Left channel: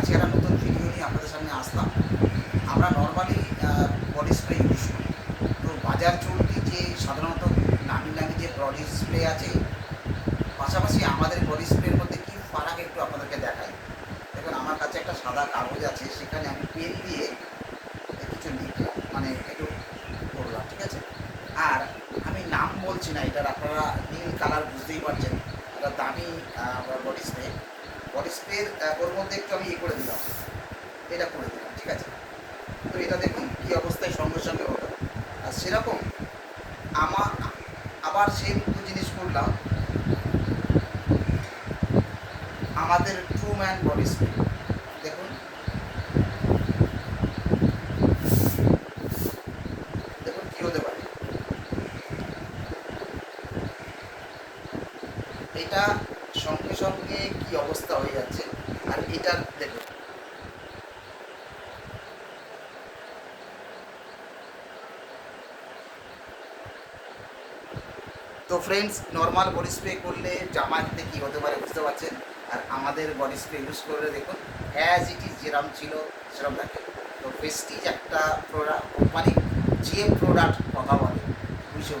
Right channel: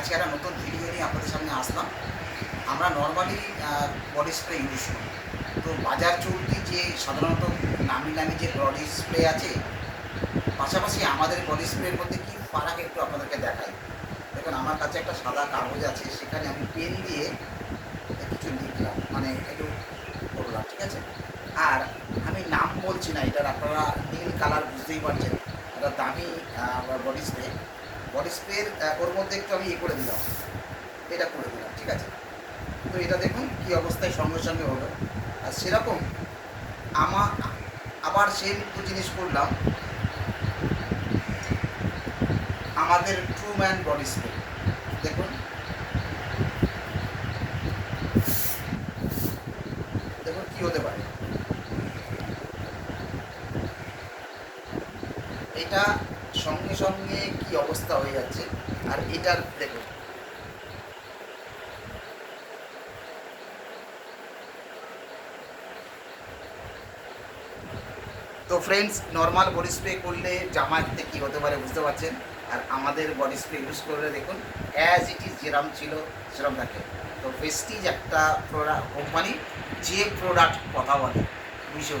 আজকে একটা নতুন ভিডিও নিয়ে আপনাদের সামনে আসলাম। আমরা নর্মালি বডি স্প্রে ইউজ করি। তো বাজার চলতি যে সাধারণত নামি নামি যে বডি স্প্রে আছে, পাশাপাশি আমাদের বডি স্প্রের মধ্যে কী ফারাক একটু আপনাদেরকে দেখাই। দেখুন, আমার কাছে একটা সাদা কাগজ আছে, সেখানে আমি পেন দিয়ে কিছু লিখলাম, মানে একটু করলাম, ঠিক আছে। আর আমি নাম বলছি না, এটার আপনারা নীল কালার বুঝতেই পারছেন, একটা দামি বডি স্প্রে। বডি স্প্রের ওর মধ্যে একটু আমি করে দিলাম, এটা করে দিলাম, ঠিক আছে। তো এটা দেখুন কী অবস্থায় সঙ্গে সঙ্গে হলো। আর সেরকম আবার সেই দুটো জিনিস করলাম আমাদের ট্রু ম্যান বডি স্প্রে। দেখুন দেখুন কী হতে পারে এটা, সঙ্গে সঙ্গে কি অবস্থা হয়ে যাচ্ছে। আর এটা দেখুন, তো ফ্রেন্ডস, নর্মাল বডি স্প্রে করলে জামাতে কী হতে পারে বুঝতে পারছেন। আর আমাদের বডি স্প্রে ইউজ করলে দেখুন অ্যাজ ইট ইজ যেরম ছিল সেরম থাকে। তো প্রেস্টিজ একটা প্রোডাক্ট কোম্পানি যে প্রোডাক্ট কথা বলে, বুঝে